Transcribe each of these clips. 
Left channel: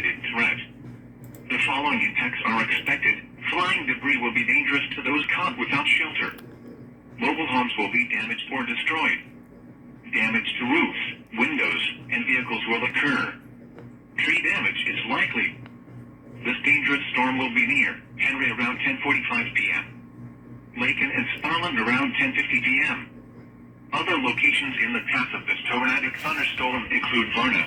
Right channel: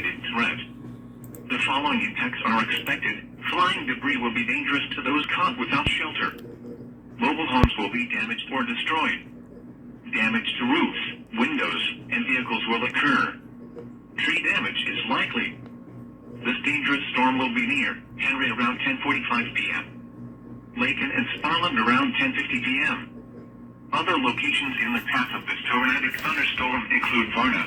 indicated threat. The following impacts are expected. Flying debris will be dangerous to those caught without shelter. Mobile homes will be damaged or destroyed. Damage to roofs, windows, and vehicles will occur. Tree damage is likely. This dangerous storm will be near Henry around 10:45 p.m. Laken and Sparland around 10:50 p.m. Other locations in the path of this tornadic thunderstorm include Varna.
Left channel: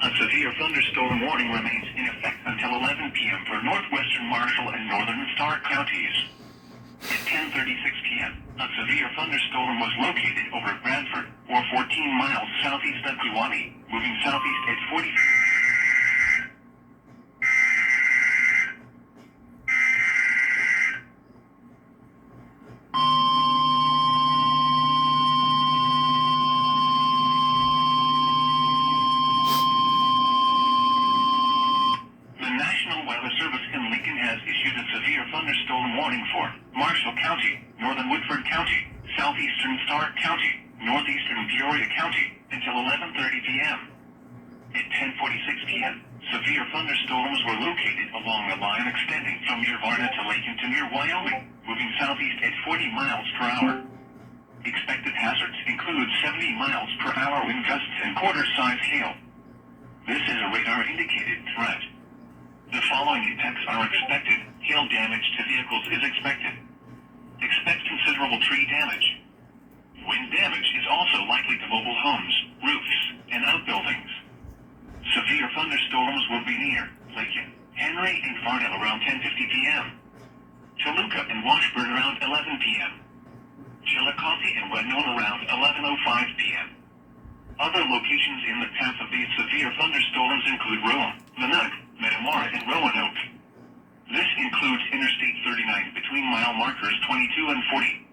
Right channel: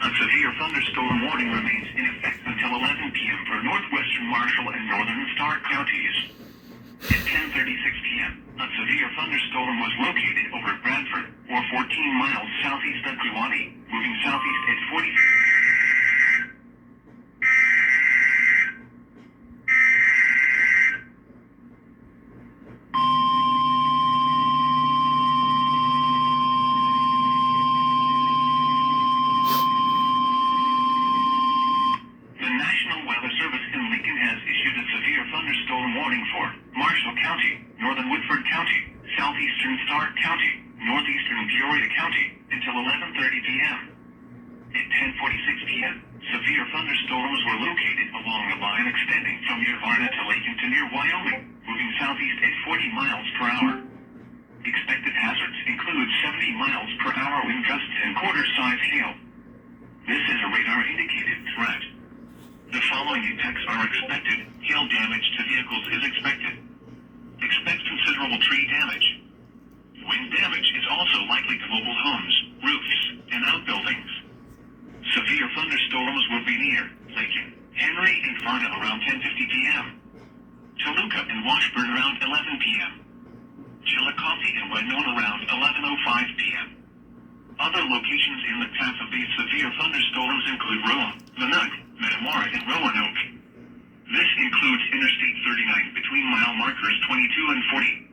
A severe thunderstorm warning remains in effect until 11 p.m. for northwestern Marshall and northern Stark counties. At 10:36 p.m., a severe thunderstorm was located over Bradford, or 14 miles southeast of Kewanee, moving southeast at 40. The National Weather Service in Lincoln has issued a severe thunderstorm warning for Marshall County, northern Woodford County, southeastern Stark County, northeastern Peoria County, until 11:30 p.m. At 10:46 p.m., severe thunderstorms were located along the line extending from near Varna to Laken to near Wyoming, moving southeast at 40 miles per hour. Expected hazards include 70 miles per hour wind gusts and quarter-size hail. This is a radar-indicated threat. The following impacts are expected. Hail damage to vehicles is expected. Expect considerable tree damage. Wind damage is also likely to mobile homes, roofs, and outbuildings. Severe thunderstorms will be near Laken, Henry, and Varna around 10:50 p.m. Toluca and Washburn around 11 p.m. Chillicothe and Winona around 11:05 p.m. Other locations in the path of these severe thunderstorms include Roa, Minot, Metamora, and Roanoke. This includes Interstate 39 between mile markers 22 and 40.